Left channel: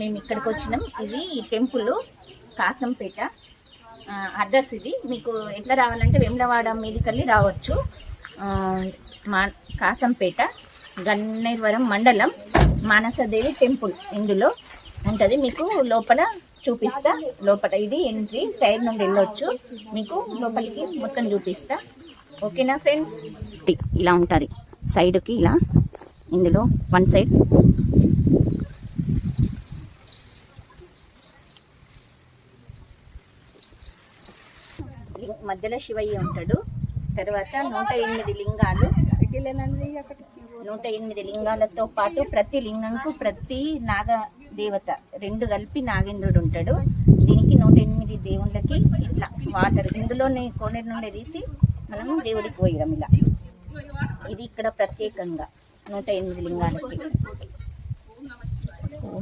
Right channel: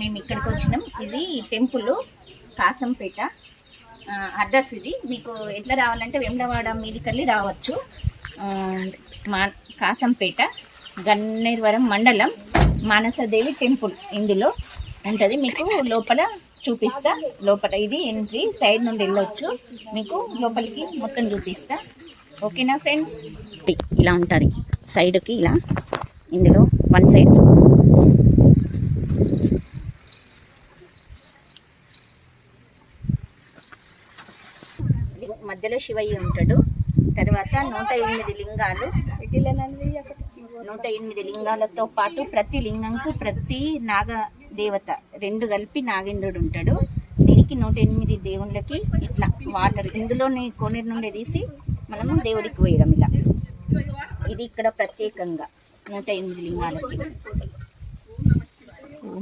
మేము ఇక్కడికి వచ్చినాం. ఇది టెంపుల్ కాసంపేట అడ్రస్. ఇది మీకు ఎట్లా రావాలంటే వేములవాడ మీదికెళ్ళి రావచ్చు. మా కాసంపేట గన్నేరువరం మండలం మానసదేవి టెంపుల్ ఇందులో ఉంటుంది. మీకు లోపల చూపిస్తా. లోపల ఇది ఎంట్రీ, సైడ్ నుండి వెళ్ళొచ్చు. మీకు లోపలికి మొత్తం చూపిస్తా. ఓకేనా ఫ్రెండ్స్? ఇలా ఉంటుంది సైడ్కి, ఇలా ఇందులో వన్ సైడ్ మధ్యలో శివయ్య ఉంటాడు. తర్వాత 108 లింగాలు, 108 లింగాలతో పాటు ప్రతి లింగంకు ప్రతి నాగ దేవత 2 కలిపి నాగేంద్రుడు ఉంటాడు. దీనికి 108 దేవుళ్ళకి ఇట్లా వాటర్ ఇందులోనే కోనేరు నుండి తీసి మనము దేవుడికి పోయడం. ఇలా ఇది ఇక్కడ ప్రత్యేకంగా 108 లింగాలకి.